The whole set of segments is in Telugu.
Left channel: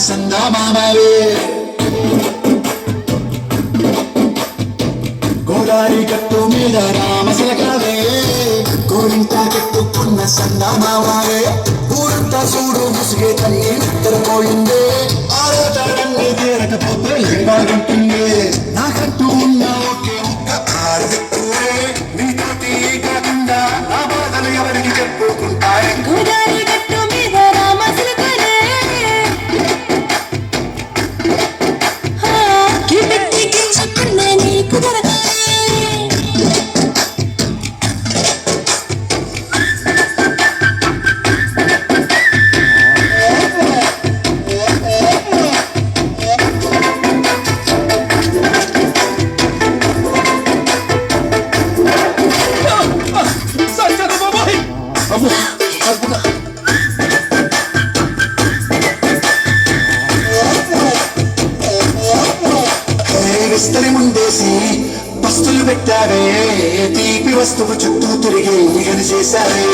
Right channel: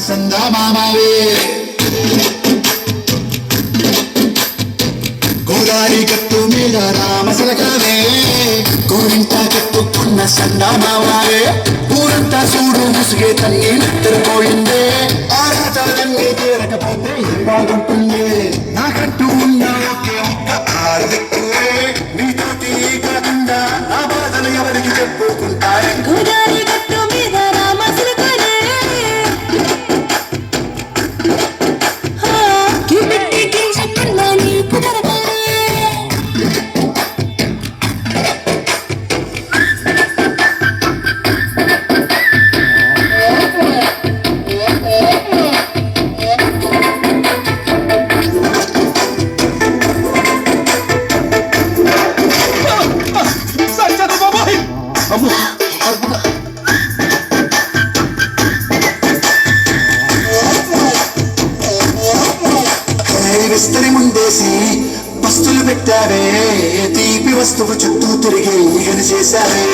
సందమామవే గోదారి గట్టు మీద రామసలకవే గోరింట కట్టుకున్న సందమామవే ఊరంతా చూడు ముసిగే తల్లి నిద్రపోయిందే ఆ రోజులన్నీ తీరకపోతే బాగుంటుంది నాకంటూ ఉన్న నీతోటి కాకుండా నా బాధలు ఎవరికి చెప్పుకుంటారు గోదారి గట్టు మీద రామచిలకనే కిటకి కించకన్న నీకు దొరకాలి విస్తరి ముందేసి బస్తులు పెట్టారే తీపి వస్తువు చుట్టూ తిరిగి ఈగలు చేశారే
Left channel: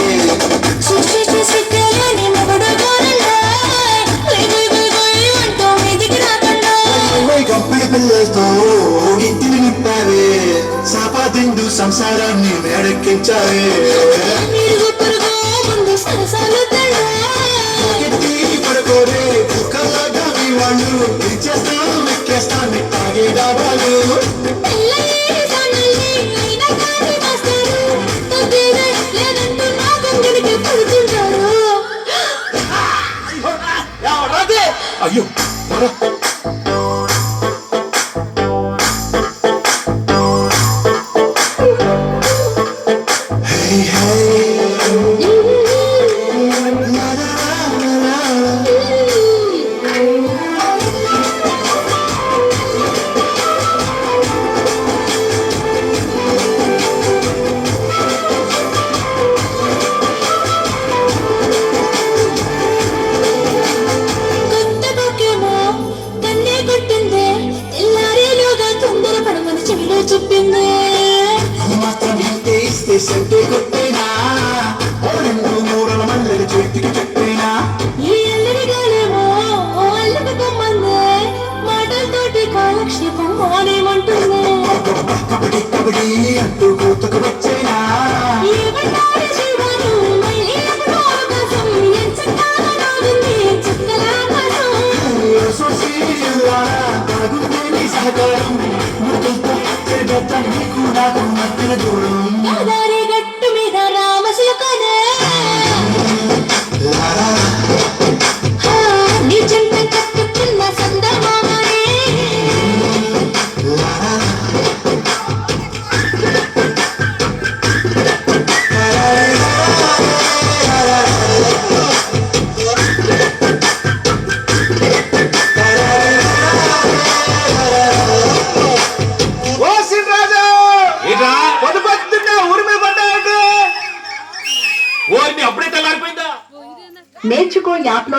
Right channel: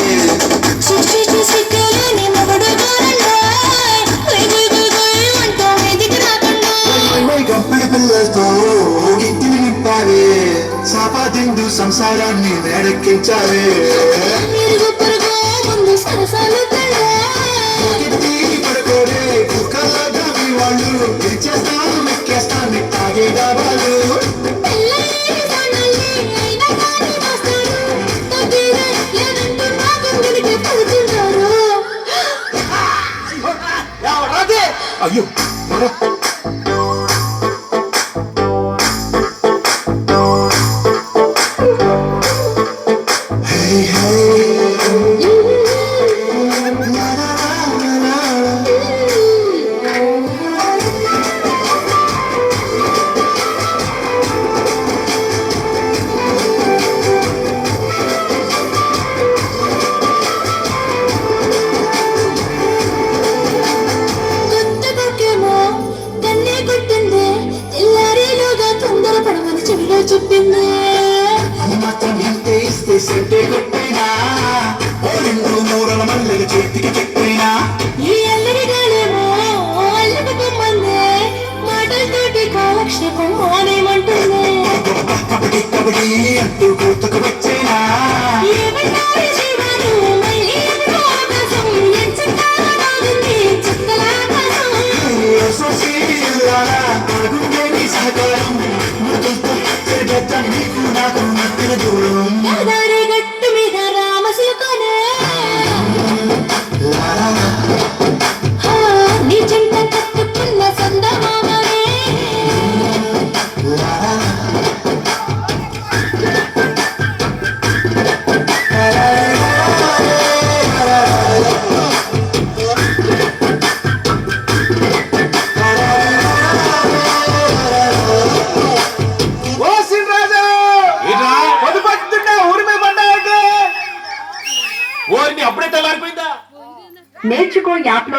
సృష్టి చేసి తెలియని మొగుడు గారండా అంటూ మీదికి రాకుండా గంపల పిల్లలతో ఇంటిని నింపారే సాపాదిండు సంసారాన్ని వేడెక్కించారే మీరు పురుగు ముందు సరసాలు పడుకోరే కుక్కలాగా మీ వాళ్ళు ఇచ్చేస్తాను ఎక్కేస్తాను తాగేగా వాళ్ళు అయ్యో hey hey చెప్పింది మాత్రం ఇంటే ఇస్తే సెంటే కొట్టేనా ఓ రెండు మూరల మల్లెలు చేతికి చెప్పేనా ఈ అల్లరి గాలేమో అల్లరి బొమ్మందే మాటలతోటి కాలక్షేపం మానేమంటుంది కబడి కబడి అంటూ కూతకు వచ్చేనా ఏమంటారు జీవాలు మళ్ళీ ఎప్పుడు ఆకాశం ఎంచకాలనుంది చుక్కల సహకారం నీకు నాకు మధ్యన దూరం గోదారి గట్టు మీద రామచిలకనే నీ జంట కట్టుకున్న సందమామనే అప్పుడే తెల్లారిపోయిందా నేర్చుకో యాప్లో